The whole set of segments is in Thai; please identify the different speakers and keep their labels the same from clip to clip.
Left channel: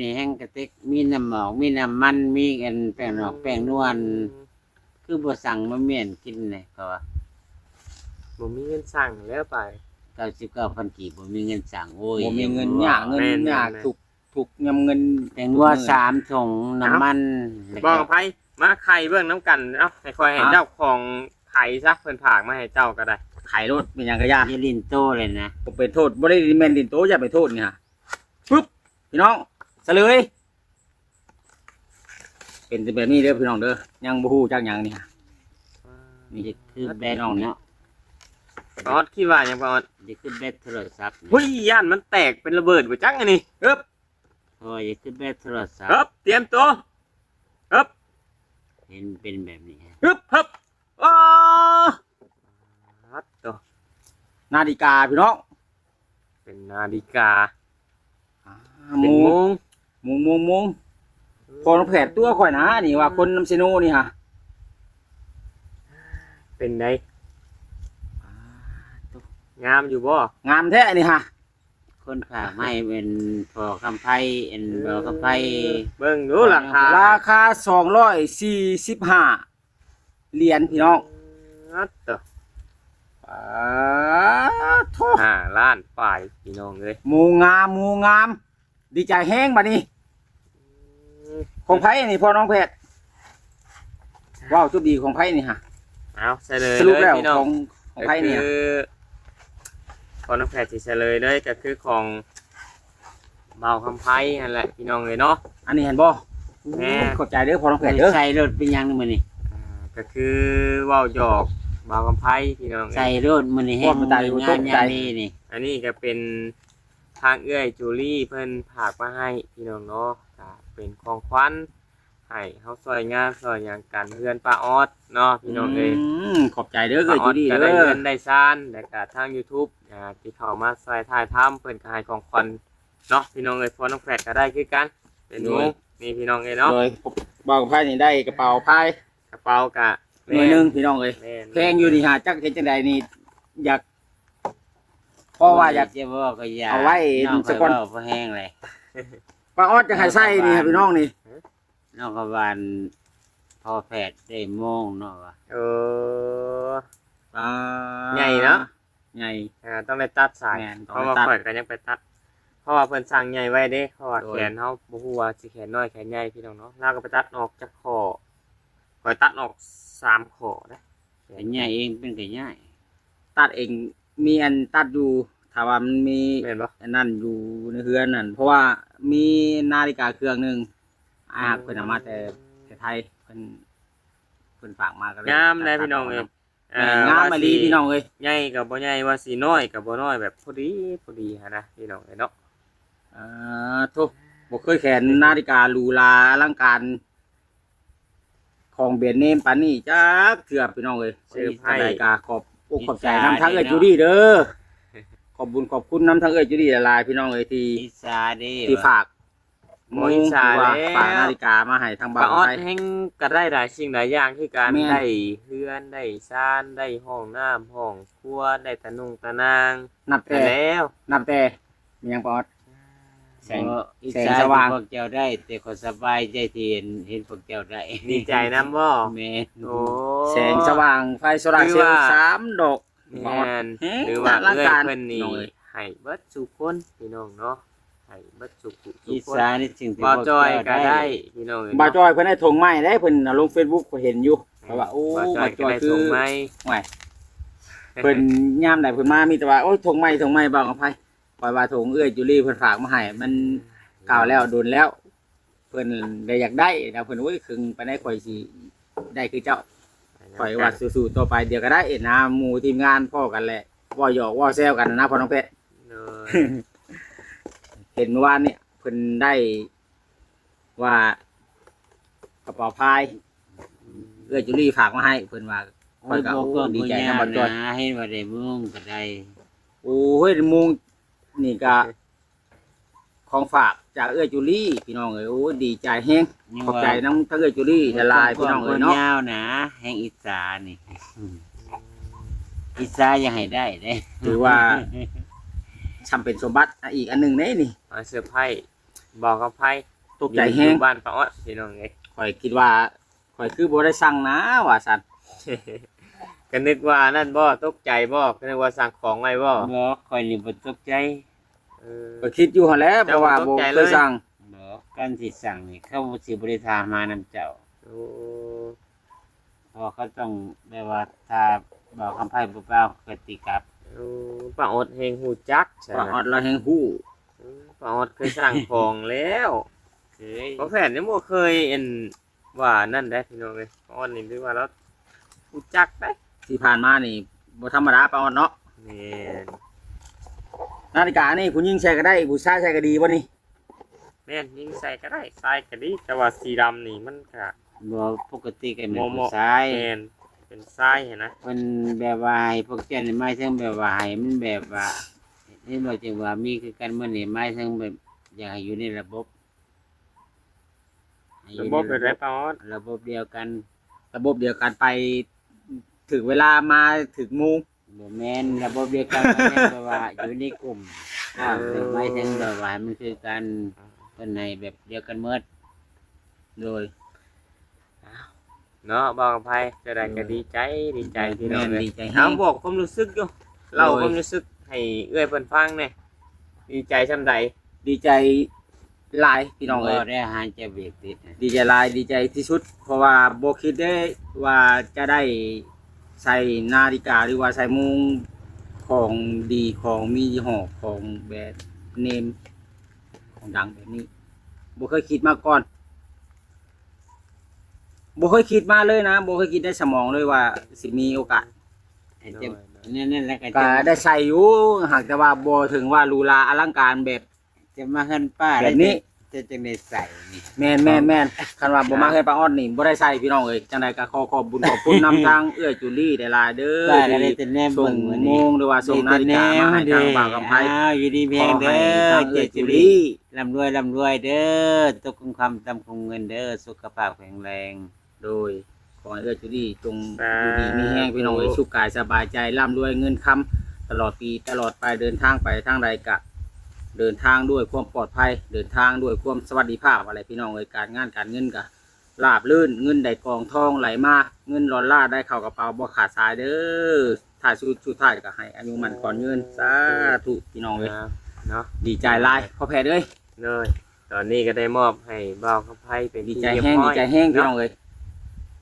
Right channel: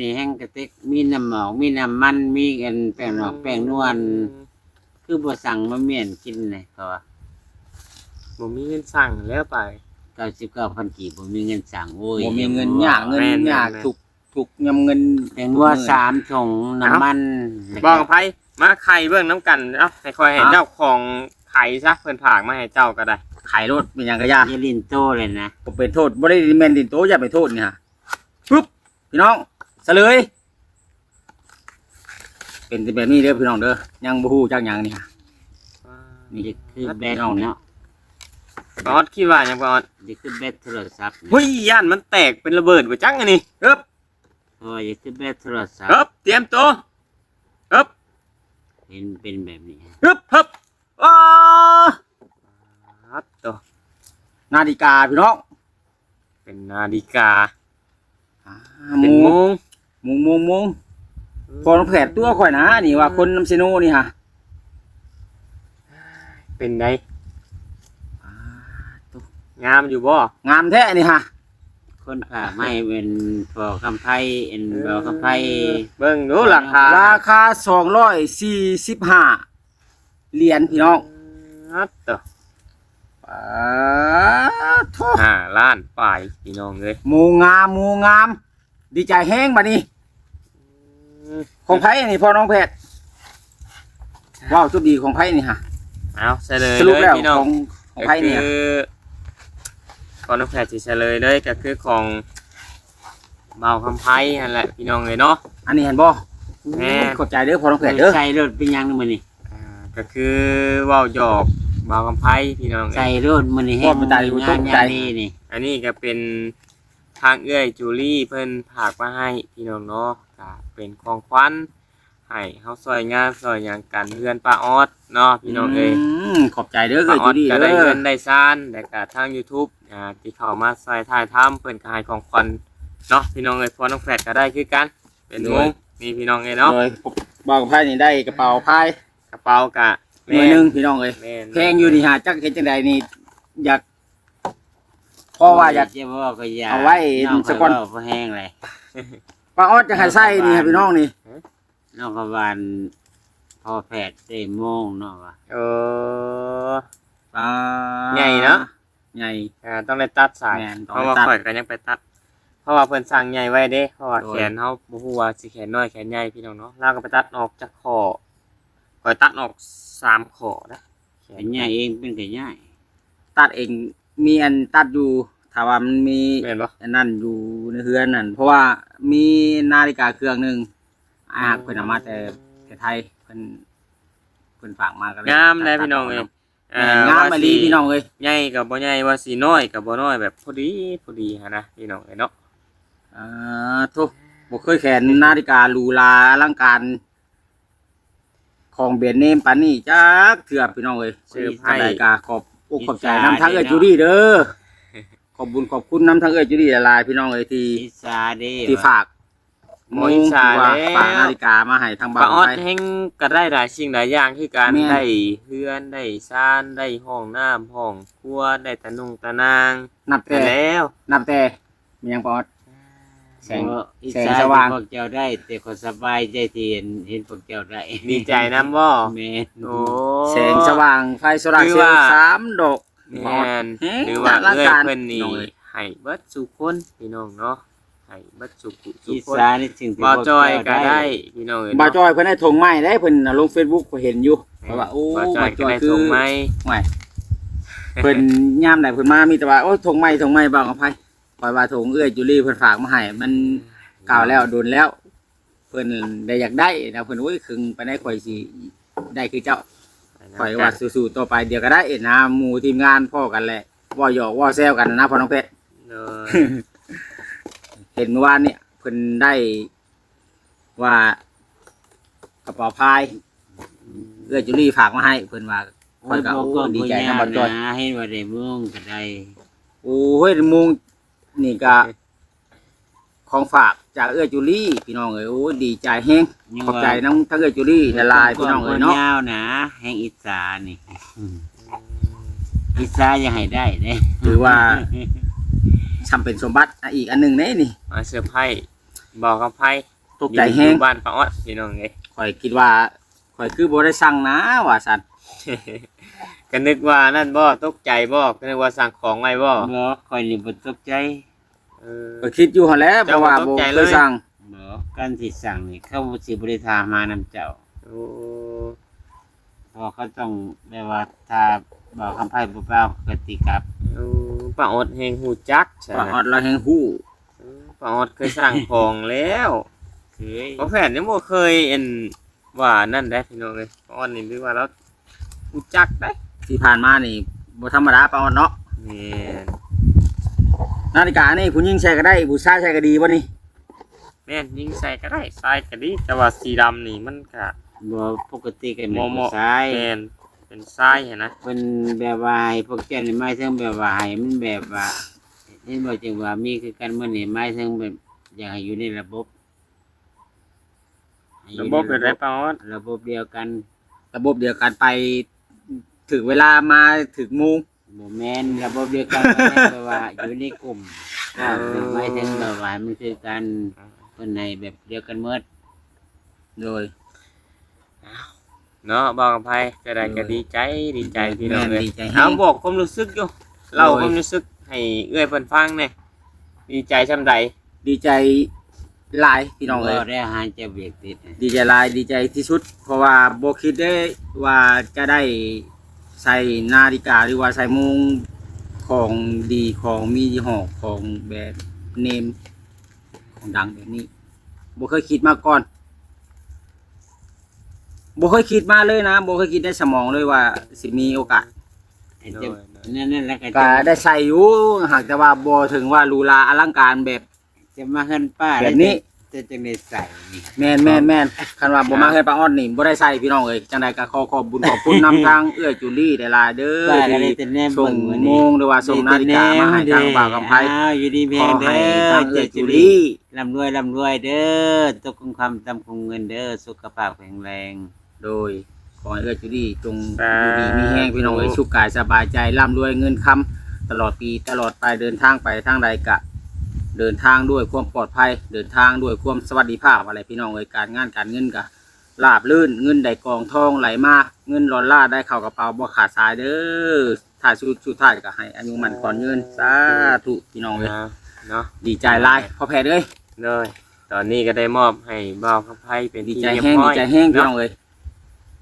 Speaker 1: นี่แห้งกระติกมีน้ำหมอกมีน้ำมันมีกันแป้งนอกแป้งนวลคือบ่สั่งมาเมียนกินเลยเพราะว่า
Speaker 2: บ่มีเงินสั่งแล้วไป
Speaker 1: 99,000กีบบ่มีเงินสั่งโอ้ย
Speaker 3: บ่มีเงิน
Speaker 1: อย่
Speaker 3: ยากเงิน
Speaker 2: แม่นๆ
Speaker 3: ยากถูกถูกยำเงิน
Speaker 1: แตงว่าสามถุงน้ำมันแล้ว
Speaker 2: บอ
Speaker 1: ก็
Speaker 2: กไผมาไข่เบิ่งน้ำกันเอ้าให้คอยให้
Speaker 3: ฮะ
Speaker 2: เจ้าของไข่ซะเพิ่นผากมาให้เจ้าก็ได้
Speaker 3: ขายรถเป็นหยังก็ยาก
Speaker 1: เยลินโตเลยนะ
Speaker 3: ก็เป็นโทษบ่ได้แม่นดินโตอย่าไปโทษนี่ฮะปึ๊บพี่น้องเส ลย เป็นแบบนี้เด้อพี่น้องเด้อยังบ่ฮู้จักหยังนี่ฮะ
Speaker 1: นี่คือแบตเนาะ
Speaker 2: บอสคิดว่าหยังบอส
Speaker 1: นี่คือแบตโทรศัพท์
Speaker 2: เฮ้ยย่านมันแตกเป็นระเบิดบ่จังอันนี้
Speaker 3: ปึ๊บ
Speaker 1: โอ้ยนี่คือแบตโทรศัพ
Speaker 2: เฮ้
Speaker 1: ท์
Speaker 2: บเตรียมตัวเฮ้บ
Speaker 1: เห็นเป็นแบบนี้
Speaker 3: ปึ๊บ
Speaker 2: เฮ้บ
Speaker 3: อ้า
Speaker 2: ครับตัว
Speaker 3: นาฬิกาพี่น้อง
Speaker 2: เป็นนาฬิกา
Speaker 3: อ่า
Speaker 2: เป็น
Speaker 3: ห
Speaker 2: โม
Speaker 3: มู
Speaker 2: ง
Speaker 3: หมูหมูหมูพอน้องแผดตัวข่อยนะนี่ว่าคนน้ำเซโนนี่ฮะ
Speaker 2: เป็นไง
Speaker 3: อ่าตัว
Speaker 2: งามอยู่บ่
Speaker 3: งามแท้นี่ฮะ
Speaker 1: คนฝากไม่เป็นพอคำไพเอ็นบอคำไพ
Speaker 2: เบิ่งดูราคา
Speaker 3: ราคาสองร้อยสี่สิบห้าเหรียญพี่น้อง
Speaker 2: ครับตัว
Speaker 3: อ่าโท
Speaker 2: ห้าล้านปลายพี่น้องเลย
Speaker 3: หมูงามหมูงาม ดีใจแห้งบัดนี้ ของไผ่นี่พ่อน้องแพทย์ว้าวจุดดีของไผ่นี่ฮะ
Speaker 2: เอาเฉลย
Speaker 3: สรุป
Speaker 2: เลย
Speaker 3: แล้ว
Speaker 2: พี่น้อ
Speaker 3: ของงของไผ่เนี่ย
Speaker 2: ก็คือของน้องแพทย์สิเฉลยเลยก็คือของเบาคำไพ่นั่นแหละพี่น้องเลยเนาะ
Speaker 3: อันนี้เห็นบ่
Speaker 2: แม่
Speaker 3: เข้าใจเด้อพ่อน้องแพทย์เด้อ
Speaker 1: ใส่รถเป็นหยังนี่มันนี่
Speaker 2: อ่าก็คือเว่าหยอกเบาคำไพ่พี่น้องเอ้ย
Speaker 1: ใส่รถมันนี่แห้งงานยามนี้นี่
Speaker 2: อันนี้ก็เป็นทางเอื้อยจูลี่เพิ่นผากมาให้พี่น้องเนาะก็ เป็นของขวัญให้เฮาซอยงานซอยหยังกันเพื่อนป้าออดเนาะพี่น้องเอ้ย
Speaker 3: มขอบใจเด้อเอ้ย
Speaker 2: ป้าอ
Speaker 3: จุ
Speaker 2: อด
Speaker 3: ดี
Speaker 2: ก็
Speaker 3: เด้
Speaker 2: ได้
Speaker 3: อ
Speaker 2: เงินได้ซ่านแล้วก็ทาง YouTube อ่าที่เข้ามาซอยถ่ายทำเพิ่นก็ให้ของขวัญเนาะพี่น้องเอ้ยพอน้องแฟดก็ได้คือกัน เป็นวงนี่พี่น้องเอ้ยเนาะ
Speaker 3: โดยบ่าวกับไผ่นี่ได้กระเป๋าพาย
Speaker 2: กระเป๋ากะ
Speaker 3: หน่วยหนึงพี่น้องเอ้ย
Speaker 2: แม่น
Speaker 3: แพงอยู่นี่ฮะจักเฮ็ดจังไดนี่อยากเพราะว่าอยาก
Speaker 1: จะบอกก็อยาก
Speaker 3: เอาไว้
Speaker 1: น้อง
Speaker 3: สั
Speaker 1: ก็
Speaker 3: กวัน
Speaker 1: บอกพอแห้งเลย
Speaker 3: ป้าออดจะให้ใส่นี่ครับพี่น้องนี่
Speaker 1: น้องก็วานพอแพทย์ได้โมงเนาะว่า
Speaker 2: เออ
Speaker 3: อ่า
Speaker 2: ใหญ่เนอะ
Speaker 3: ใหญ่
Speaker 2: อ่าต้องได้ตัดสาย
Speaker 3: แม่นต้
Speaker 2: เพ
Speaker 3: อง
Speaker 2: ราะ
Speaker 3: ได้
Speaker 2: ว่า
Speaker 3: ตัด
Speaker 2: ข่อยก็ยังไปตัด เพราะว่าเพิ่นสั่งใหญ่ไว้เด้เพราะว่า
Speaker 3: โดย
Speaker 2: แขนเฮาบ่ฮู้ว่าสิแขนน้อยแขนใหญ่พี่น้องเนาะเราก็ไปตัดออกจากคอข่อยตัดออกสามคอนะ
Speaker 1: เป็นใหญ่เองเป็นก็ใหญ่
Speaker 3: ตัดเองมีอันตัดอยู่ถ้าว่ามันมี
Speaker 2: แม่นบ่
Speaker 3: อันนั้นอยู่ในเฮือนนั่นเพราะว่ามีนาฬิกาเครื่องหนึ่งอาเพิ่นเอามาแต่แต่ไทยเพิ่นเพิ่นฝากมาก็เลย
Speaker 2: งามเลยพี่น้องเอ้ย
Speaker 3: แม่นงามมาลีพี่น้องเอ้ย
Speaker 2: ใหญ่กับบ่ใหญ่ว่าสิน้อยกับบ่น้อยแบบพอดีพอดีหันนะพี่น้องเอ้ยเนาะ
Speaker 3: อ่าทุกบ่เคยแขนนาฬิกาหรูหราอลังการ ของเบียนเนมปานนี้จักเถื่อพี่น้องเอ้ย
Speaker 2: ซื้อไพ่
Speaker 3: นาฬิกาขอบอกขอบใจน้ำทั้งเอ้ยจูดี้เด้อข อบบุญขอบคุณน้ำทั้งเอ้ยจูดี้หลายๆพี่น้องเอ้ยที่
Speaker 1: อิสาเด้
Speaker 3: ที่ฝาก
Speaker 2: โม
Speaker 3: มุ
Speaker 2: ย
Speaker 3: ง
Speaker 2: ชา
Speaker 3: หรือว่า
Speaker 2: แล้ว
Speaker 3: ฝากนาฬิกามาให้ทาง
Speaker 2: ป้า
Speaker 3: บ้าน
Speaker 2: ออด
Speaker 3: ไทย
Speaker 2: แห่งก็ได้หลายสิ่งหลายอย่างคือการ
Speaker 3: แม่น
Speaker 2: ได้เฮือนได้ซ่านได้ห้องน้ำห้องครัวได้ตะนุงตะนาง
Speaker 3: นับ
Speaker 2: ไป
Speaker 3: แต่
Speaker 2: แล้ว
Speaker 3: นับแต่มีหยังปอด แสง
Speaker 1: บ่อิ
Speaker 3: แสง
Speaker 1: สา
Speaker 3: สว่าง
Speaker 1: ที่พวกเจ้าได้ แต่คนสบายใจที่เห็นเห็นพวกเจ้าได้
Speaker 2: ดีใจนํบ่
Speaker 1: แม่น
Speaker 2: โอ้
Speaker 3: แสงสว่างไฟโซลาร์เซลล์สามดอก
Speaker 2: แม่น
Speaker 3: เฮ้ย
Speaker 2: หรือว่า
Speaker 3: ร่าง
Speaker 2: เอ้ย
Speaker 3: กาย
Speaker 2: เพิ่นนี่
Speaker 3: น้องเอ้ย
Speaker 2: ให้เบิดสู่คนพี่น้องเนาะให้เบิดสู่ผู้สู่
Speaker 1: อิ
Speaker 2: คน
Speaker 1: สานี่สิ่งที่
Speaker 2: บ่
Speaker 1: พวก
Speaker 2: จอย
Speaker 1: เจ้า
Speaker 2: ก็
Speaker 1: ได้
Speaker 2: ได้พี่น้องเอ้ย
Speaker 3: บา
Speaker 2: เนาะ
Speaker 3: จอยเพิ่นได้ถงไม้ได้เพิ่นน่ะลง Facebook ก็เห็นอยู่เพราะว่าโอ้
Speaker 2: บ่จอบา
Speaker 3: ยจ
Speaker 2: ก็
Speaker 3: อย
Speaker 2: ได้
Speaker 3: คื
Speaker 2: ส่
Speaker 3: อง
Speaker 2: ไม้
Speaker 3: ไม่เพิ่นยามใดเพิ่นมามีแต่ว่าโอ้ยถงไม้ถงไม้บ่าวกับไผปล่อยว่าถงเอื้อยจุลีเพิ่นฝากมาให้มันกล่าวแล้วโดนแล้ว เพิ่นได้อยากได้นะเพิ่นโอ้ยคึงไปได้ข่อยสิได้คือเจ้า ข่อยว่าสู้ๆต่อไปเดี๋ยวก็ได้นะหมู่ทีมงานพ่อกันแหละว่าหยอกว่าแซวกันนะพ่อน้องเพชร
Speaker 2: เออ
Speaker 3: เห็นเมื่อวานเนี่ยเพิ่นได้ว่ากระเป๋าพายเอื้อจุลี่ฝากมาให้เพิ่นว่า
Speaker 1: โอ้ยบอกก็ดีใจนะนะให้ว่าได้โมงก็ได้
Speaker 3: โอ้ยมุงนี่ก็ ของฝากจากเอื้อจุลี่พี่น้องเอ้ยโอ้ยดีใจแฮงขอบใจน้องทั้งเอื้อจุลี่ละลายพี่น้องเอ้ยเนาะ
Speaker 1: ยาวนะแห่งอิสานี่อิสายังให้ได้เด้
Speaker 3: ถือว่าทำเป็นสมบัติอะอีกอันหนึ่งเน่นี่
Speaker 2: มาเซอร์ไพรส์บอกกับไพ่
Speaker 3: ตกใจแห้ง
Speaker 2: อยู่บ้านป้าออดพี่น้องเอ้ย
Speaker 3: ข่อยคิดว่าข่อยคือบ่ได้สั่งนะว่าซั่น
Speaker 2: ก็นึกว่านั่นบ่ตกใจบ่ก็นึกว่าสั่งของไว้บ่
Speaker 1: บ่คอยนี่บ่ตกใจ
Speaker 2: เออ
Speaker 3: ก็คิดอยู่หั่นแหละเพราะว่าบ่
Speaker 2: เจ้าบ่ตกใจ
Speaker 3: เค
Speaker 2: เลยย
Speaker 3: สั่ง
Speaker 1: บ่การที่สั่งนี่เขาสิบ่ได้ทามานำเจ้า
Speaker 2: โอ้
Speaker 1: เพราะเขาต้องแบบว่าถ้าบอกคำไพ่บ่เปล่าก็ติกลับ
Speaker 2: โอ้ป้าออดแฮงฮู้จักใช่
Speaker 3: ว่า
Speaker 2: ไหม
Speaker 3: ฮอดเราแห่งฮู้
Speaker 2: ป้าออดเคยสั่งของแล้ว
Speaker 1: เคย
Speaker 2: บ่แผนยังบ่เคยเอ็นว่านั่นได้พี่น้องเอ้ยป้าออดนี่หรือว่าเราฮู้จักได้
Speaker 3: ที่ผ่านมานี่บ่ธรรมดาปานนั้นเนาะ
Speaker 2: แม่น
Speaker 3: นาฬิกานี่ผู้หญิงใช้ก็ได้ผู้ชายใช้ก็ดีบ่นี่
Speaker 2: แม่นยิงใส่ก็ได้ใส่ก็ดี แต่ว่าสีดำนี่มันก็
Speaker 1: บ่ปกติก็แม่น
Speaker 2: บ่เห
Speaker 1: ผู้
Speaker 2: มาะ
Speaker 1: ชาย
Speaker 2: แม่นเป็นทรายเห็นนะ
Speaker 1: เพิ่นแบบว่าให้พวกเจ้านี่หมายถึงแบบว่าให้มันแบบว่าเห็นบ่จังว่ามีคือกันมื้อนี้หมายถึงแบบอยากให้อยู่ในระบบให้อยู่
Speaker 2: ระ
Speaker 1: ใน
Speaker 2: บบเป็นไรป้าออด
Speaker 1: ระบบเดียวกัน
Speaker 3: ระบบเดียวกันไปถึงเวลามาถึงโมุง
Speaker 1: บ่แม่นระบบเดียวกันก็แม่นแบบว่าอยู่ในกลุ่มก็หมายถึงแบบว่ามันคือกันเพิ่นให้แบบเดียวกันหมด
Speaker 3: โดย
Speaker 2: เนาะบอกกับไผจะได้ก็
Speaker 3: เออ
Speaker 2: ดีใจดีใจพี่น้อง
Speaker 3: แม่
Speaker 2: เลย
Speaker 3: ดีใจแฮ
Speaker 2: เอา
Speaker 3: ง
Speaker 2: บอกความรู้สึกอยู่เล่า
Speaker 3: โดย
Speaker 2: ความรู้สึกให้เอื้อยเพิ่นฟังหน่อยดีใจช่ำใด
Speaker 3: ดีใจหลายพี่น้องเอ้ย
Speaker 1: บ่ได้อาหารจะเบรกติดนะ
Speaker 3: ดีใจหลายดีใจที่สุด เพราะว่าบ่คิดได้ว่าจะได้ ใส่นาฬิกาหรือว่าใส่โมุงของดีของมียี่ห้อของแบรนด์เนมของดังแบบนี้บ่เคยคิดมาก่อนบ่เคยคิดมาเลยนะบ่เคยคิดในสมองเลยว่าสิมีโอกาส
Speaker 1: ไอ้เจ้านั่นนั่นแหละก็
Speaker 3: ก็
Speaker 1: จะ
Speaker 3: ได้ใส่อยู่หากแต่ว่าบ่ถึงว่าหรูหราอลังการแบบ
Speaker 1: จะมาเฮือนป้า
Speaker 3: แบบนี้
Speaker 1: จะจะได้ใส่นี่
Speaker 3: แม่นแม่นแม่นคันว่าบ่มาเฮ็ดปลาอ้อนนี่บ่ได้ใส่พี่น้องเอ้ยจังไดก็ขอขอบบุญขอบคุณนำทางเอื้อยจุลี่ได้หลายเด้อ
Speaker 1: ป้าก็ได้
Speaker 3: ที่
Speaker 1: แต่แนม
Speaker 3: ส่
Speaker 1: เบิ่
Speaker 3: ง
Speaker 1: งมื้อ
Speaker 3: โม
Speaker 1: นี้
Speaker 3: งหรือว่าส่งนาฬิกามาให้ทางบ่าวกับไผ
Speaker 1: อ้าวอยู่ดีเพียงเด้
Speaker 3: ขอให้
Speaker 1: อ
Speaker 3: ทาง
Speaker 1: เจ
Speaker 3: เอื้อย
Speaker 1: จุ
Speaker 3: จุ
Speaker 1: ลี
Speaker 3: ลี่
Speaker 1: ร่ำรวยร่ำรวยเด้อตกคงคำตำคงเงินเด้อสุขภาพแข็งแรง
Speaker 3: โดยขอให้เอื้อยจุลี่จงอยู่ดีมีแห้งพี่น้องเอ้ยสุขกายสบายใจร่ำรวยเงินคำตลอดปีตลอดไปเดินทางไปทางใดกะ เดินทางด้วยความปลอดภัย เดินทางด้วยความสวัสดิภาพอะไรพี่น้องเอ้ยการงานการเงินกะลาบลื่นเงินได้กองทองไหลมาเงินร้อนล่าได้เข้ากระเป๋าบ่ขาดสายเด้อถ้าสุดสุดท้ายก็ให้อายุมันก่อนเงินสาธุพี่น้องเอ้ย
Speaker 2: อ่าเนาะ
Speaker 3: ดีใจหลายพอแพ้เอ้ย
Speaker 2: เลยตอนนี้ก็ได้มอบให้บอกกับไผเป็น
Speaker 3: ดี
Speaker 2: ที่
Speaker 3: ใจ
Speaker 2: เรียบ
Speaker 3: แห้ง
Speaker 2: ร้
Speaker 3: ดี
Speaker 2: อย
Speaker 3: ใจแห้งพี่น้
Speaker 2: เนาะ
Speaker 3: องเอ้ย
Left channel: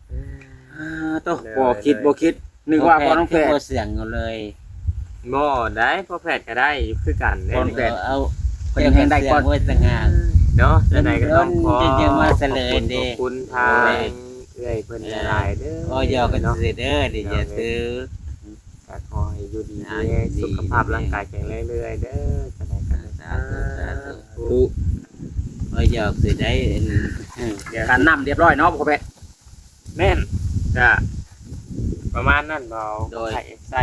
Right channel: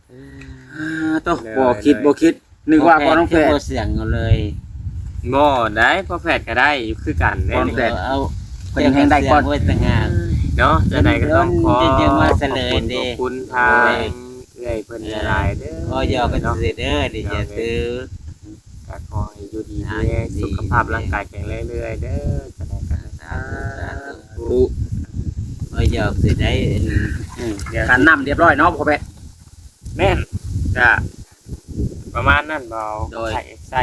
Speaker 2: เออ
Speaker 3: อ่าโต
Speaker 2: ได้
Speaker 3: บ่คิด
Speaker 2: ได้
Speaker 3: บ่คิดนึกว่าพอน้องแพ้
Speaker 1: บ่เสียงเอาเลย
Speaker 2: บ่ได้พอแพทย์ก็ได้คือกันเด้
Speaker 3: พอแพทย์
Speaker 1: เอา
Speaker 3: เพิ่นยังแห้งได้ก่อน
Speaker 1: เสียไว้ต่างหาก
Speaker 2: เนาะจะได้ก็ต้องขอ
Speaker 1: เพิ่นจะมาเฉลยเด้
Speaker 2: ขอบคุณทางเอื้อยเพิ่นหลายๆเด้อ
Speaker 1: ก็ยอกันสิเด้อดิอย่าซื้อ
Speaker 2: ก็ขอให้อยู่ดี
Speaker 1: อ่า
Speaker 2: มีแรง
Speaker 1: อยู่ดี
Speaker 2: สุขภาพร่างกายแข็งแรงเรื่อยๆเด้อจะได้กัน
Speaker 1: สาธุสาธุ
Speaker 3: ดู
Speaker 1: ก็ยอกสิได้เอ็น
Speaker 2: เดี๋ยว
Speaker 3: การนํเรียบร้อยเนาะพอแพ้
Speaker 2: แม่นจะประมาณนั้นเบา
Speaker 3: โดย
Speaker 2: ใส่ใส่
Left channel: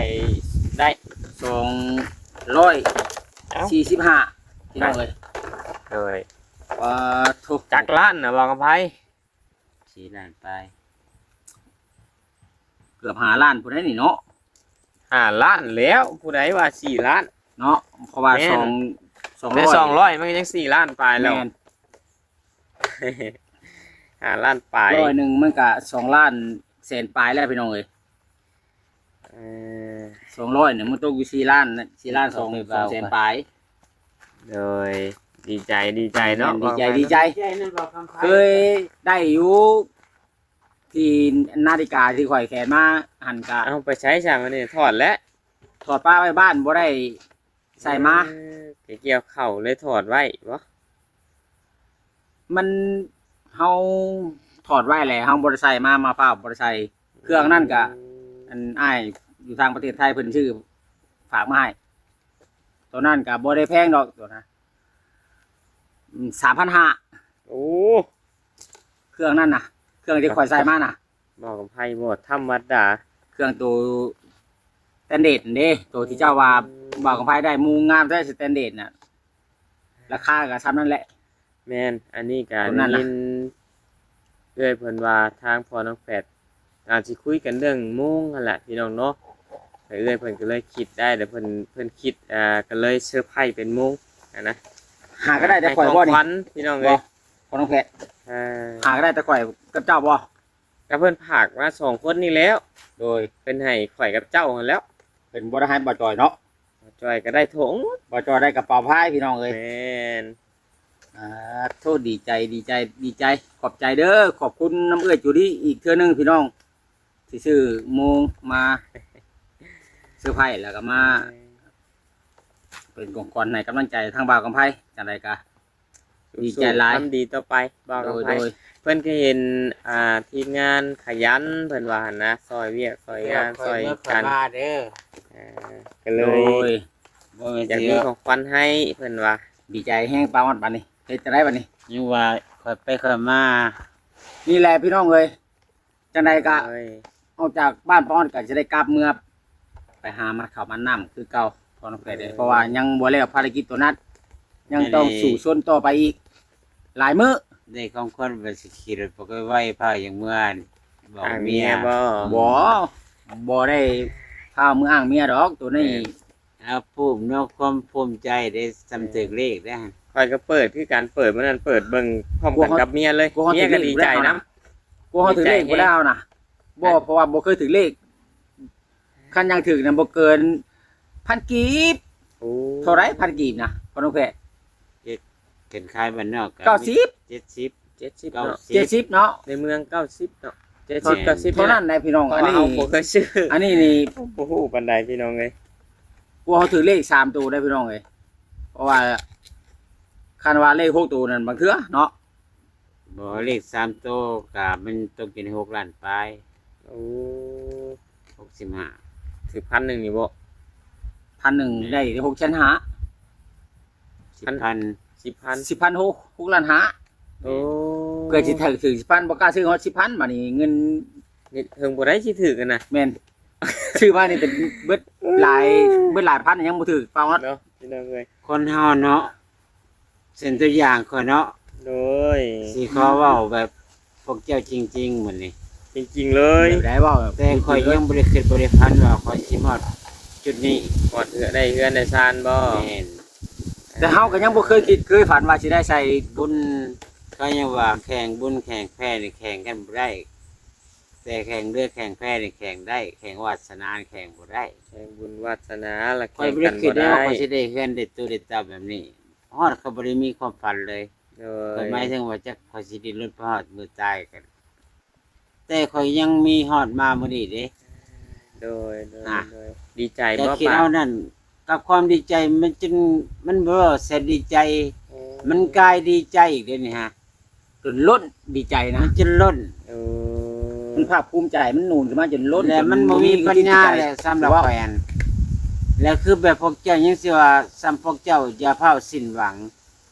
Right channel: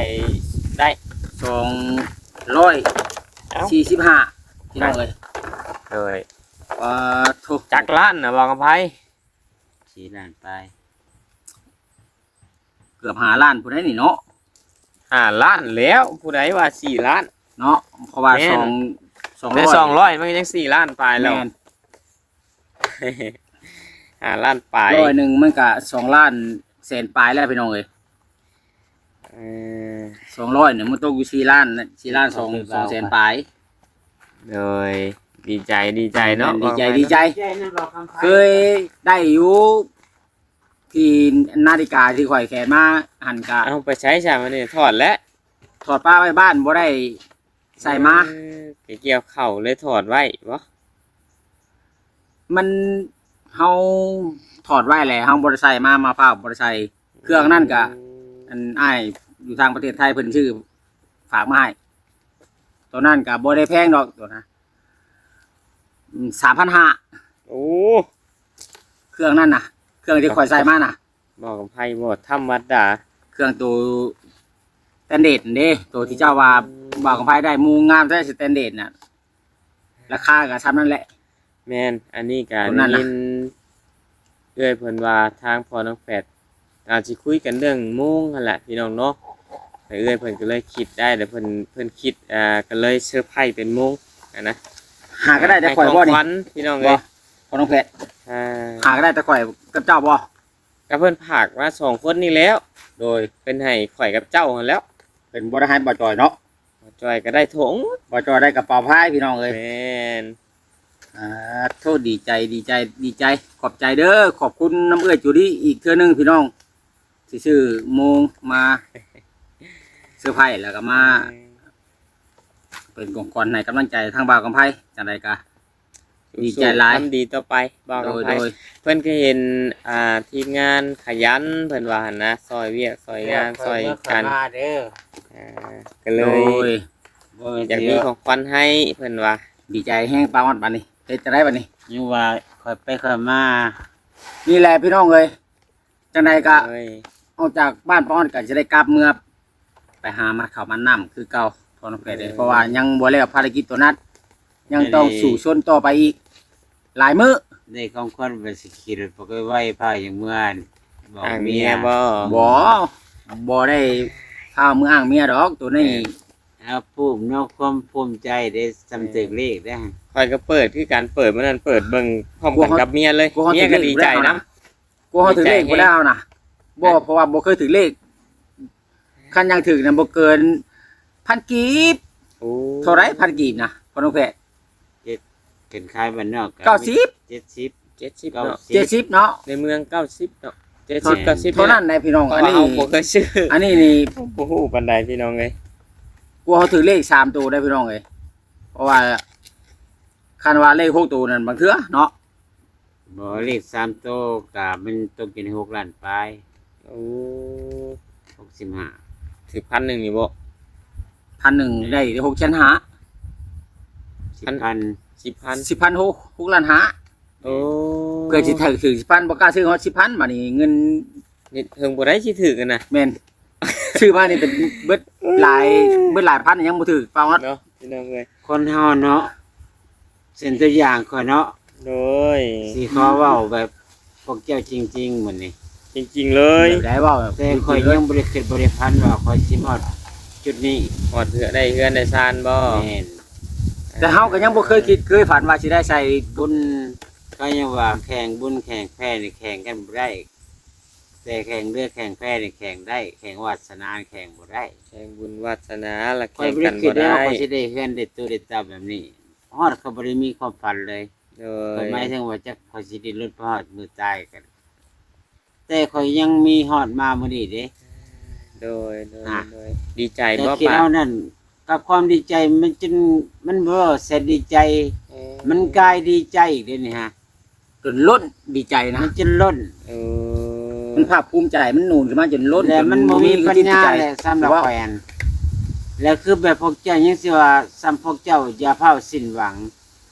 Speaker 2: ได้
Speaker 3: สองร้อย
Speaker 2: เอ้า
Speaker 3: สี่สิบห้าพี่น้องเอ้ย
Speaker 2: โดย
Speaker 3: ว่าทุก
Speaker 2: จักรล้านนะบอกกับไผ
Speaker 1: สี่ล้านไป
Speaker 3: เกือบหาล้านผู้ใดนี่เนาะ
Speaker 2: ห้าล้านแล้วผู้ใดว่าสี่ล้าน
Speaker 3: เนาะเพราะว่า
Speaker 2: แม่น
Speaker 3: สองสอง
Speaker 2: ได้
Speaker 3: ร้อย
Speaker 2: สองร้อยมันก็ยังสี่ล้านปลายแล้ว
Speaker 3: แม่น
Speaker 2: ห้าล้านปลาย
Speaker 3: ร้อยหนึ่งมันก็สองล้านแสนปลายแล้วพี่น้องเอ้ย
Speaker 2: เออ
Speaker 3: สองร้อยเนี่ยมันตกอยู่สี่ล้านนะสี่ล้านสองสองแสนปลาย
Speaker 2: โดยดีใจดีใจเนาะ
Speaker 3: ดีใจดีใจ
Speaker 1: ใจนั่นบอกคำไพ่
Speaker 3: เคยได้อยู่ที่นาฬิกาที่ข่อยแขนมาหันกะ
Speaker 2: เอาไปใช้ใช่ไหมนี่ถอดแล้ว
Speaker 3: ถอดป้าไว้บ้านบ่ได้ใส่มา
Speaker 2: เออไปเกี่ยวเข่าเลยถอดไว้วะ
Speaker 3: มันเฮาถอดไว้แหละเฮาบ่ได้ใส่มามาเปล่าบ่ได้ใส่เครื่องนั่นกะอันอ้าย อยู่ทางประเทศไทยเพิ่นชื่อฝากมาให้ตัวนั้นก็บ่ได้แพงดอกตัวนะสามพันห้า
Speaker 2: โอ้
Speaker 3: เครื่องนั่นน่ะ เครื่องที่ข่อยใส่มาน่ะ
Speaker 2: บอกกับไพ่หมดธรรมดา
Speaker 3: เครื่องตัวสแตนเดร์ดเด้ตัวที่เจ้าว่าบอกกับไผได้มูงามใช้สแตนเดร์ดน่ะราคาก็ซ้ำนั่นแหละ
Speaker 2: แมนอันนี้การ
Speaker 3: คนนั้นน่ะ
Speaker 2: ยินเอ้อยเพิ่นว่าทางพอน้องแฝดอาจสิคุยกันเรื่องมุ้งนั่นแหละพี่น้องเนาะแต่ เอ้อยเพิ่นก็เลยคิดได้แต่เพิ่นเพิ่นคิดอ่าก็เลยเซอร์ไพรส์เป็นมุ้งอะนะ
Speaker 3: หาก็ได้แต่ข่อยบ่
Speaker 2: ให้
Speaker 3: นี่
Speaker 2: ขวัญพี่น้อง
Speaker 3: บ่
Speaker 2: เอ้ย
Speaker 3: พอน้องเพชร
Speaker 2: อ่า
Speaker 3: หาก็ได้แต่ข่อยกับเจ้าบ่
Speaker 2: กับเพิ่นผากมาสองคนนี่แล้ว
Speaker 3: โดย
Speaker 2: เป็นให้ข่อยกับเจ้าหั่นแล้ว
Speaker 3: เป็นบ่ได้ให้บ่จอยเนาะ
Speaker 2: จอยก็ได้ถง
Speaker 3: บ่จอยได้กระเป๋าพายพี่น้องเอ้ย
Speaker 2: แม่น
Speaker 3: อ่าโทษดีใจดีใจดีใจขอบใจเด้อขอบคุณน้ำเอื้อยจูดี้อีกเทื่อหนึงพี่น้องที่ซื้อโมงมา เสื้อร์ไผ่แล้วก็มาเป็นกองกอนในกำลังใจทางบ่าวกำไพจังไดกะ ดีใจหลาย
Speaker 2: ทำดีต่อไปบอก
Speaker 3: โด
Speaker 2: กับ
Speaker 3: ย
Speaker 2: ไผ
Speaker 3: โดย
Speaker 2: เพิ่นก็เห็นอ่าทีมงานขยันเพิ่นว่าหั่นนะซอยเวียกซอยงานซอยกัน
Speaker 1: มาเด้อ
Speaker 2: อ่าก็เล
Speaker 3: โด
Speaker 2: ย
Speaker 3: ย
Speaker 1: บ่แม่น
Speaker 2: อยาก
Speaker 1: สิ
Speaker 2: มีของขวัญให้เพิ่นว่า
Speaker 3: ดีใจแห้งปลาวัดบัดนี้เฮ็ดจะได้บัดนี้
Speaker 1: ยังว่าค่อยไปค่อยมา
Speaker 3: นี่แหละพี่น้องเอ้ยจังไดกะ
Speaker 2: เอ้ย
Speaker 3: ออกจากบ้านป้าออนก็จะได้กลับเมื่อ ไปหามาข้าวมันน้ำคือเก่าพอน้องเพชรเอ้ยเพราะว่ายังบ่แล้วภารกิจตัวนั้นยังต้องสู่ชนต่อไปอีก หลายมื้อ
Speaker 1: ได้ของคนไปสิขี่รถไปก็ไหว้พาอย่างเมื่อนบอก
Speaker 2: อ่าง
Speaker 1: เมี
Speaker 2: เมี
Speaker 1: ย
Speaker 2: ยบ่
Speaker 3: บ่บ่ได้พามืออ้างเมียดอกตัวนี้
Speaker 1: เอาภูมิเนาะความภูมิใจได้สำตึกเลขได้
Speaker 2: ข่อยก็เปิดคือการเปิดมื้อนั้นเปิดเบิ่งพร้อมกันกับเมียเลย
Speaker 3: กลัวเขา
Speaker 2: เมีย
Speaker 3: ถือ
Speaker 2: ก็
Speaker 3: เลข
Speaker 2: ดี
Speaker 3: บ่
Speaker 2: ใจ
Speaker 3: ได้เอา
Speaker 2: นํ
Speaker 3: นะกลัวเขาถือเลขบ่ได้เอานะบ่เพราะว่าบ่เคยถือเลข คันยังถือน่ะบ่เกินพันกีบ
Speaker 2: โอ้
Speaker 3: เท่าไรพันกีบนะพอน้องเพชร
Speaker 1: เกินคายบ้านนอก
Speaker 3: เก้าสิบ
Speaker 1: เจ็ดสิบ
Speaker 2: 70
Speaker 1: เก้า
Speaker 2: เนาะ
Speaker 1: สิ
Speaker 3: เจ็ด
Speaker 1: บ
Speaker 3: สิบเนาะ
Speaker 2: ในเมือง90เนาะ
Speaker 1: แม่
Speaker 2: 70 90
Speaker 3: เท่านั้นนะพี่น้อง
Speaker 2: อั
Speaker 3: อั
Speaker 2: น
Speaker 3: น
Speaker 2: นี้
Speaker 3: นี้
Speaker 2: บ่เคยซื้อ
Speaker 3: อันนี้นี่
Speaker 2: โอ้โหปานใดพี่น้องเอ้ย
Speaker 3: กลัวเขาถือเลขสามตัวได้พี่น้องเลยเพราะว่าคันว่าเลขหกตัวนั่นบางเทื่อเนาะ
Speaker 1: บ่เลขสามโตวกับมันต้องกินหกล้านปลาย
Speaker 2: โอ้
Speaker 1: หกสิบห้า
Speaker 2: สิบพันหนึ่งนี่บ่
Speaker 3: พันหนึ่งได้หกชั้นหา
Speaker 1: สิบพัน
Speaker 2: สิบพัน
Speaker 3: สิบพันหกหกล้านหา
Speaker 2: โอ้
Speaker 3: เกิดจะถือถือสิบพันบอกล้าซื้อเขาสิบพันมานี่เงิน
Speaker 2: นี่เทิงบ่ได้สิถือกันนะ
Speaker 3: แมนซื้อมานี่เป็นเบิดหลายเบิดหลายพันยังบ่ถือเปล่าวัด
Speaker 2: เนาะพี่น้องเอ้ย
Speaker 1: คนเฮาเนาะเส้นตัวอย่างคนเนาะ
Speaker 2: โดย
Speaker 1: สิขอเว้าแบบพวกเจ้าจริงๆเหมือนนี่
Speaker 2: จริงๆเลย
Speaker 3: แบบได้บ่แบบ
Speaker 1: แต่คอยยังบริคิดบริพันธ์ว่าคอยสิฮอดจุดนี้
Speaker 2: หอดเหือได้เฮือนได้ซานบ่
Speaker 1: แม่น
Speaker 3: แต่เฮาก็ยังบ่เคยคิดเคยฝันว่าสิได้ใส่
Speaker 1: บุญเขายังว่าแข่งบุญแข่งแพ้นี่แข่งกันบ่ได้ แต่แข่งเรือแข่งแพ้นี่แข่งได้ แข่งวาสนาแข่งบ่ได้
Speaker 2: แห่งบุญวาสนาละ
Speaker 1: คอย
Speaker 2: แข่ง
Speaker 1: บริ
Speaker 2: กัน
Speaker 1: คิ
Speaker 2: บ่
Speaker 1: ดว่า
Speaker 2: ได้
Speaker 1: คอยสิได้เฮือนได้ตัวได้ตาแบบนี้ฮอดเขาบ่ได้มีความฝันเลย
Speaker 2: โด
Speaker 1: คอย
Speaker 2: ย
Speaker 1: หมายถึงว่าจะคอยสิได้ลดพอดมือตายกัน แต่คอยยังมีฮอดมามื้อนี้เด้
Speaker 2: โดยโดย
Speaker 1: อะ
Speaker 2: โดยดีใจ
Speaker 1: แต่
Speaker 2: บ่
Speaker 1: คิด
Speaker 2: ป่า
Speaker 1: เอานั่นกับความดีใจมันจนมันบ่เสร็จดีใจมันกลายดีใจอีกเดี๋ยวนี้ฮะ
Speaker 3: จนล้นดีใจนะ
Speaker 1: มันจนล้น
Speaker 2: เออ
Speaker 3: มันภาคภูมิใจมันนูนขึ้นมาจนล้น
Speaker 1: แล้วมันบ่มีปัญญาเลยสำหรับ
Speaker 3: ว่า
Speaker 1: แฟนแล้วคือแบบพวกเจ้ายังสิว่าซ้ำพวกเจ้าอย่าเผาสิ้นหวัง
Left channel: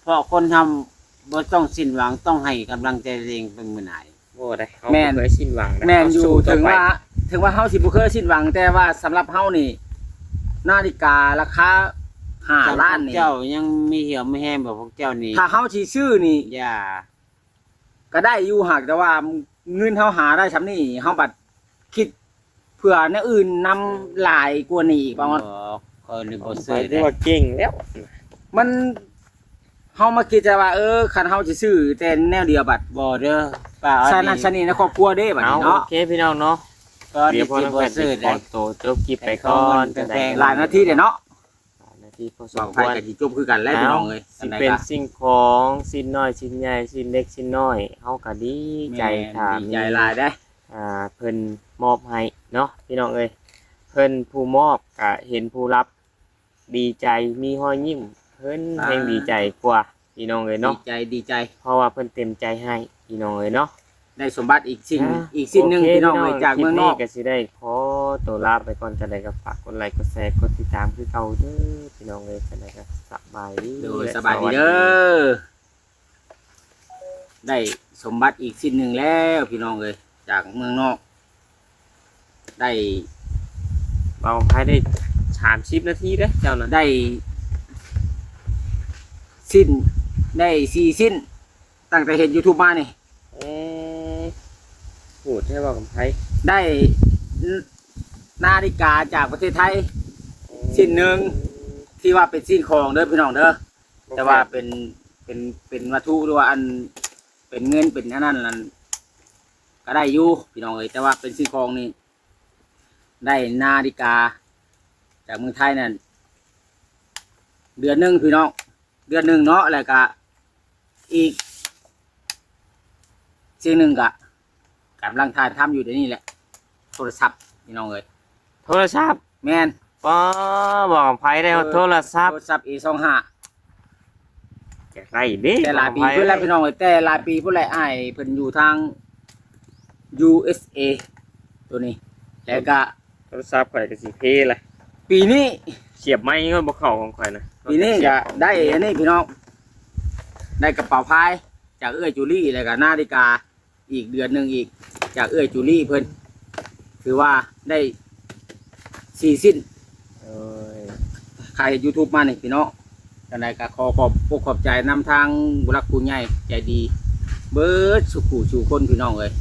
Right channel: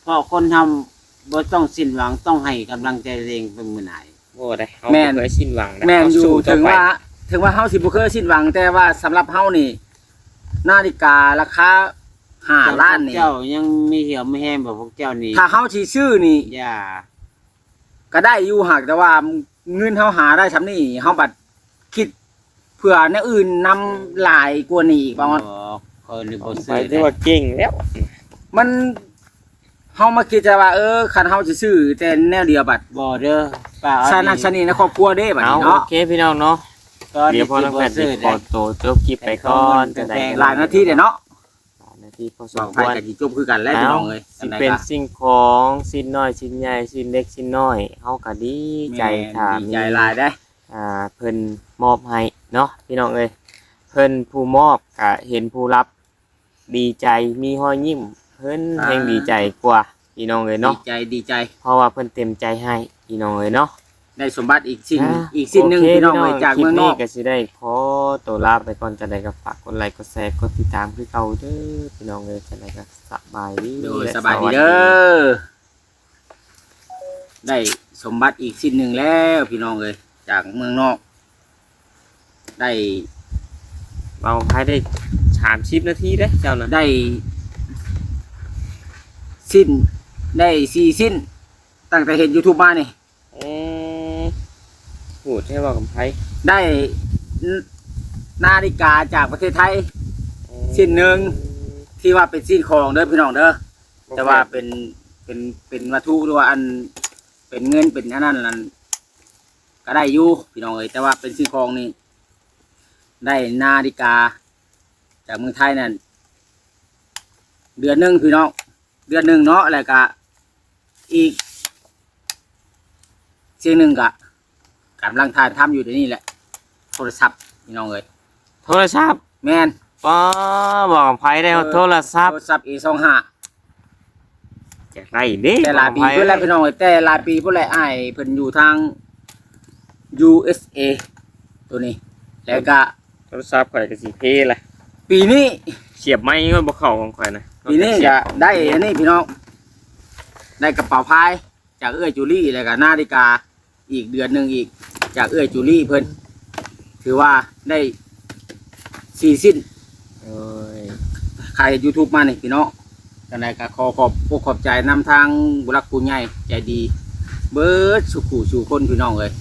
Speaker 1: เพราะคนทำบ่ต้องสิ้นหวังต้องให้กำลังใจตัวเองเป็นมื้อไหน
Speaker 2: บ่ได้เฮา
Speaker 3: แม่
Speaker 2: บ่
Speaker 3: น
Speaker 2: เคยสิ้นหวังนะ
Speaker 3: แม่นอยู่
Speaker 2: เฮสู้ต่
Speaker 3: ถึง
Speaker 2: ไป
Speaker 3: ว่า ถึงว่าเฮาสิบ่เคยสิ้นหวัง แต่ว่าสำหรับเฮานี่ นาฬิการาคาห้าล้านนี่
Speaker 1: เจ้ายังมีเหี่ยวไม่แห้งแบบพวกเจ้านี่
Speaker 3: ถ้าเฮาสิซื้อนี่
Speaker 1: อย่า
Speaker 3: ก็ได้อยู่หากแต่ว่าเงินเฮาหาได้ซำนี้เฮาบัดคิดเพื่อแนวอื่นนำหลายกว่านี้อีกประมาณ
Speaker 1: บอกคนนี่บ่
Speaker 2: ไป
Speaker 1: ซื้อ
Speaker 2: ที่ว่าเก่งแล้ว
Speaker 3: มัน เฮามาคิดแต่ว่าเออคันเฮาสิซื้อแต่แนวเดียวบัด
Speaker 1: บ่เด้อป้า
Speaker 3: สนันสนีในครอบครัวเด้บัด
Speaker 2: เอา
Speaker 3: นี้
Speaker 2: โอ
Speaker 3: เนาะ
Speaker 2: เคพี่น้องเนาะ
Speaker 1: ก็
Speaker 2: เดี๋
Speaker 1: เดี๋
Speaker 2: ย
Speaker 1: ยวว
Speaker 2: พ
Speaker 1: พ
Speaker 2: อ
Speaker 1: อ
Speaker 2: น้
Speaker 1: น้
Speaker 2: อ
Speaker 1: องง
Speaker 2: แพ
Speaker 1: แพ
Speaker 2: ท
Speaker 1: ท
Speaker 2: ย์
Speaker 1: ย์
Speaker 2: สิ
Speaker 1: สิ
Speaker 2: ข
Speaker 1: ข
Speaker 2: อ
Speaker 1: อ
Speaker 2: ตัวจบคลิปไปก่อนจะได้
Speaker 3: หลายนาทีเด้เนาะ
Speaker 2: นาทีพอสม
Speaker 3: บาง
Speaker 2: ค
Speaker 3: ไผ
Speaker 2: วร
Speaker 3: ก็สิจบคือกันแล้วพี่น้องเอ้ย
Speaker 2: สิ
Speaker 3: อันใด
Speaker 2: เป็น
Speaker 3: ก็
Speaker 2: สิ่งของสิ่งน้อยสิ่งใหญ่สิ่งเล็กสิ่งน้อยเฮาก็ดีใจค่ะ
Speaker 3: ดี
Speaker 2: มี
Speaker 3: ใจหลายได้
Speaker 2: อ่าเพิ่นมอบให้เนาะพี่น้องเอ้ยเพิ่นผู้มอบก็เห็นผู้รับ ดีใจมีรอยยิ้ม เพิ่นแห่งดีใจกว่าพี่น้องเอ้ย
Speaker 3: ดี
Speaker 2: เนาะ
Speaker 3: ใจดีใจ
Speaker 2: เพราะว่าเพิ่นเต็มใจให้พี่น้องเอ้ยเนาะ
Speaker 3: ได้สมบัติอีกสิ่ง
Speaker 2: อ่า
Speaker 3: อีกสิ่งหนึ่ง
Speaker 2: โค
Speaker 3: พี่น้องเลยจากเมืองนอก
Speaker 2: คลิปก็สิได้ขอตัวลาไปก่อนจะได้ก็ฝากกดไลค์กดแชร์กดติดตามคือเก่าเด้อพี่น้องเอ้ยจะได้ก็สบายดี
Speaker 3: โดยสบายดีเด้อได้สมบัติอีกสิ่งหนึ่งแล้วพี่น้องเลยจากเมืองนอก ได้
Speaker 2: เอาภายได้30นาทีเด้อเจ้าน่ะ
Speaker 3: ได้ สิ้นได้สี่สิ้น ตั้งแต่เห็นยูทูบมานี่
Speaker 2: เอ๊ะพูดให้ว่ากับไผ
Speaker 3: ได้นาฬิกาจากประเทศไทยสิ้นหนึ่ง ที่ว่าเป็นสิ้นของเด้อพี่น้องเด้อ
Speaker 2: โบ
Speaker 3: แต่ว่าเป็นเป็นเป็นวัตถุหรือว่าอันเป็นเงินเป็นอันนั้นนั่นก็ได้อยู่พี่น้องเอ้ยแต่ว่าเป็นซื้อของนี่ได้นาฬิกา จากเมืองไทยนั่นเดือนหนึ่งพี่น้อง เดือนหนึ่งเนาะแล้วก็อีกสิ่งหนึ่งก็กำลังทานทำอยู่เดี๋ยวนี้แหละ โทรศัพท์พี่น้องเอ้ย
Speaker 2: โทรศัพท์
Speaker 3: แม่น
Speaker 2: ป้าบอกกับไผได้ว่าโทรศัพท์
Speaker 3: โทรศัพท์ A สองห้า
Speaker 2: จะไรเด้
Speaker 3: แต่หลายปี
Speaker 2: บอกกับไผ
Speaker 3: เพื่อนแล้วพี่น้องเอ้ยแต่หลายปีเพื่อนแล้วอ้ายเพิ่นอยู่ทาง USA ตัวนี้ แล้วก็
Speaker 2: โทรศัพท์ข่อยก็สิเพล่ะ
Speaker 3: ปีนี้
Speaker 2: เสียบไม้ก็บ่เข้าของข่อยนะ
Speaker 3: ปีนี้ก็ได้อันนี้พี่น้อง ได้กระเป๋าพาย จากเอื้อยจูลี่แล้วก็นาฬิกา อีกเดือนหนึ่งอีก จากเอื้อยจูลี่เพิ่นถือว่าได้สี่สิ้น
Speaker 2: โอ้ย
Speaker 3: ใครยูทูบมานี่พี่น้องจังไดก็ขอขอบพวกขอบใจนำทางบุรักผู้ใหญ่ใจดี เบิร์ดสุขูสู่คนพี่น้องเลย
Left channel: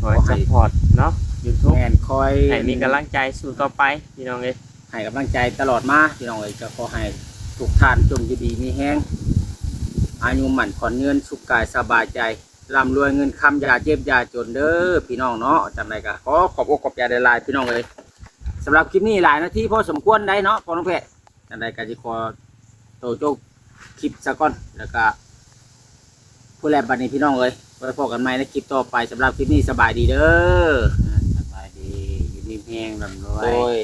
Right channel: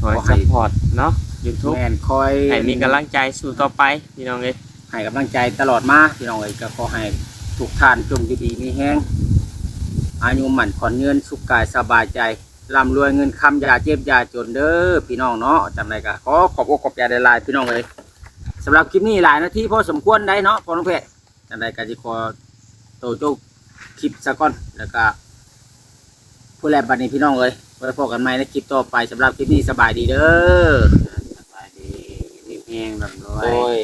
Speaker 2: ขอให้ซัพพอร์ตเนาะ YouTube
Speaker 3: แม่นคอย
Speaker 2: ให้มีกำลังใจสู้ต่อไปพี่น้องเอ้ย
Speaker 3: ให้กำลังใจตลอดมาพี่น้องเลยก็ขอให้ทุกท่านจงอยู่ดีมีแห้งอายุหมั่นขอนเงินสุขกายสบายใจร่ำรวยเงินคำยาเจ็บยาจนเด้อพี่น้องเนาะจำได้ก็ขอขอบอกขอบใจหลายพี่น้องเลยสำหรับคลิปนี้หลายนาทีพอสมควรได้เนาะพอน้องเพชรจำได้ก็จะขอโตโจกคลิปซะก่อนแล้วก็ผู้แลบัดนี้พี่น้องเลยไว้พบกันใหม่ในคลิปต่อไปสำหรับคลิปนี้สบายดีเด้อ
Speaker 1: สบายดีมีแห้งลำรว
Speaker 3: ย